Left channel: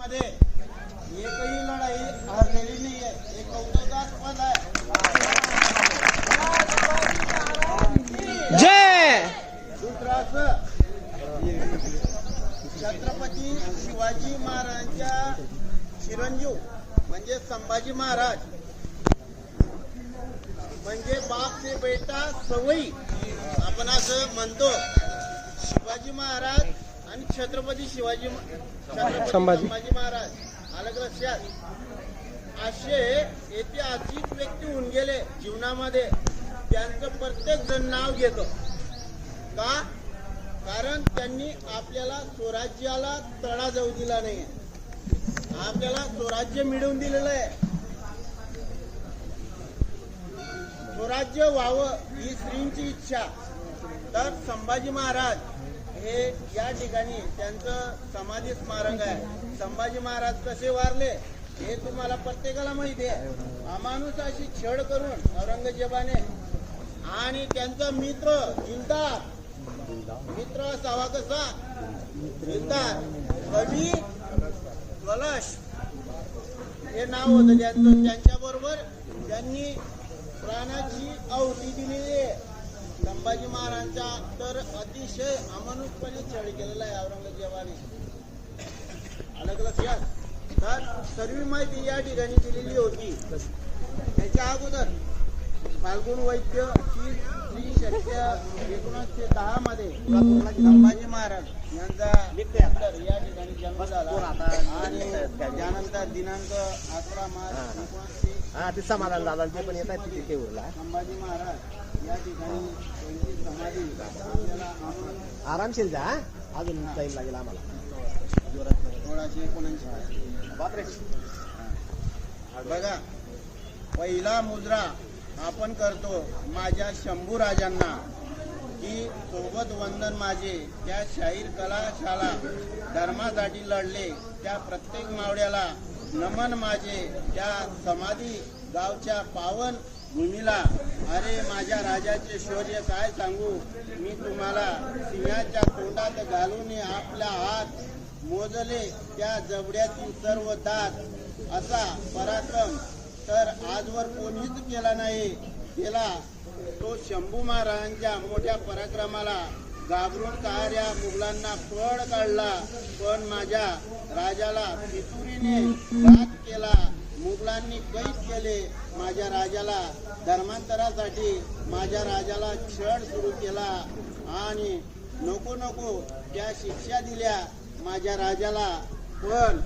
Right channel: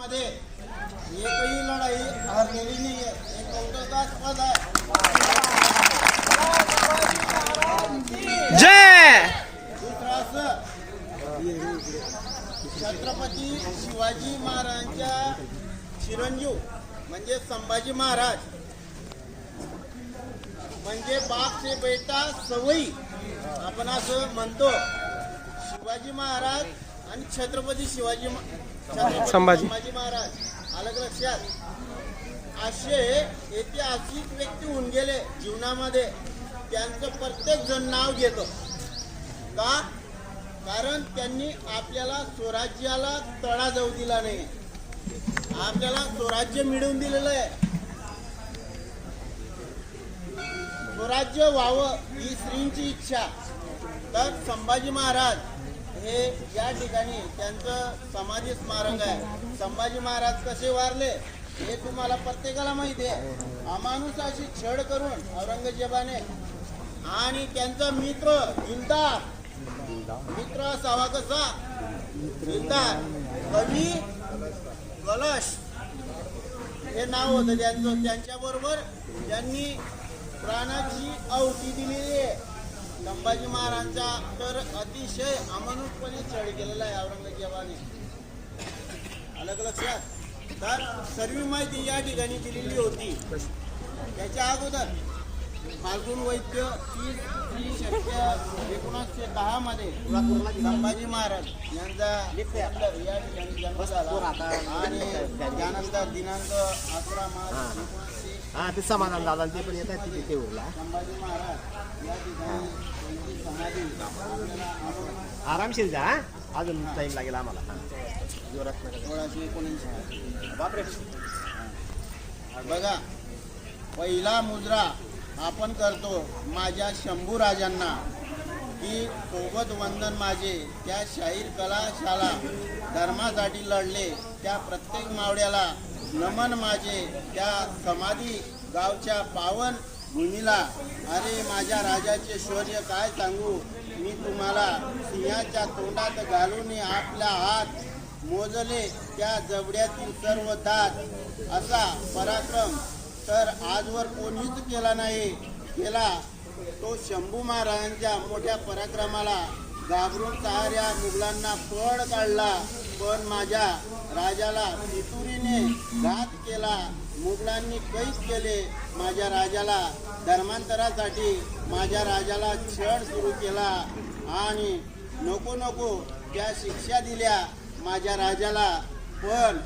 मध्ये एकही लढाई हरलेली नाहीये. हे कौतुकास्पद आहे. जय दुसरं असं, छत्रपती शिवाजी महाराजांच्या चिरंजीव म्हणजे संभाजी महाराज म्हणजे बाप से बेटा सवयी आपण असं म्हणतो. शिवाजी महाराज आणि छत्रपती संभाजी महाराज अलग लक्षात. असे ऐतिहासिक व्यक्ती होऊन गेले जीवनामध्ये. त्यांचं प्रत्येक जण नाव घेतो का? कारण त्यांनी आपल्याला स्वराज्याला तडा जाऊ दिला नाही. आपल्याला स्वराज्य मिळवून दिलेलं आहे. स्वराज्य व्हावं ही श्रींची इच्छा. तर संभाजी महाराज हे या ठिकाणी त्यांचं समाधी स्मारक आहे. संभाजी महाराज कसे वारले हे तुम्हाला प्रत्येकाला माहिती आहे. अमानुषाशी छळ करून औरंगजेबाने आणि त्यांचा मित्र दिलदार मित्र असावा कसा? दिलदार कवी कलश हे नाव होतं त्यांचं. त्यांच्याबरोबर त्यांनी प्राणाची आहुती दिलेली आहे. संभाजी महाराजांचा तर अतिशय अमानुषपणे छळ केलेला आहे औरंगजेबाने. अलग लक्षात. तर सर्व माहिती या ठिकाणी दिलेली होती. त्याच्या अगोदर फाल्गुन वैद्य 30 शक्य 1910 मध्ये संभाजी महाराज यांचा या ठिकाणी जन्म झाला आणि त्यानंतर दिनांक 11 मार्च 1900 समाधान दादा ते पण येतात तिथे तेवढा संभाजी महाराज या ठिकाणी त्यांची समाधी आपल्याला आरामशीर जा. अजून टाईम लागेल आम्हाला. 1679 बापरे. बघा, पहिला मुजरा आपण करतो माझ्या शंभू राजांना की सोबत वंदन माझे. त्या शाहीर कलाशाला धर्मासाठी लढले त्या प्रत्येक मावड्याला नमन माझे. त्या समाधी गावच्या पावन भूमीला. अरे माझ्या राजाचे शौर्य काय सांगू मी तुम्हाला. सिंहाच्या तोंडात घालून आपला हात मोजले त्या जबड्यातील सर्व दात. असा पराक्रम तर आजवर कोणीच केला नाही. केला तो शंभू महाराजांच्या मोठ्या पराक्रमाला घाबरून साऱ्या मुघलांना पळ काढला. पण माझ्या राजाला फितुरीने घात केला. मुघलांनी कैद केले माझ्या राजाला. धर्मांतरासाठी माझ्या राजाला छळ सुरू केला आणि नको नको त्या शिक्षा दिल्या माझ्या राजाला. पण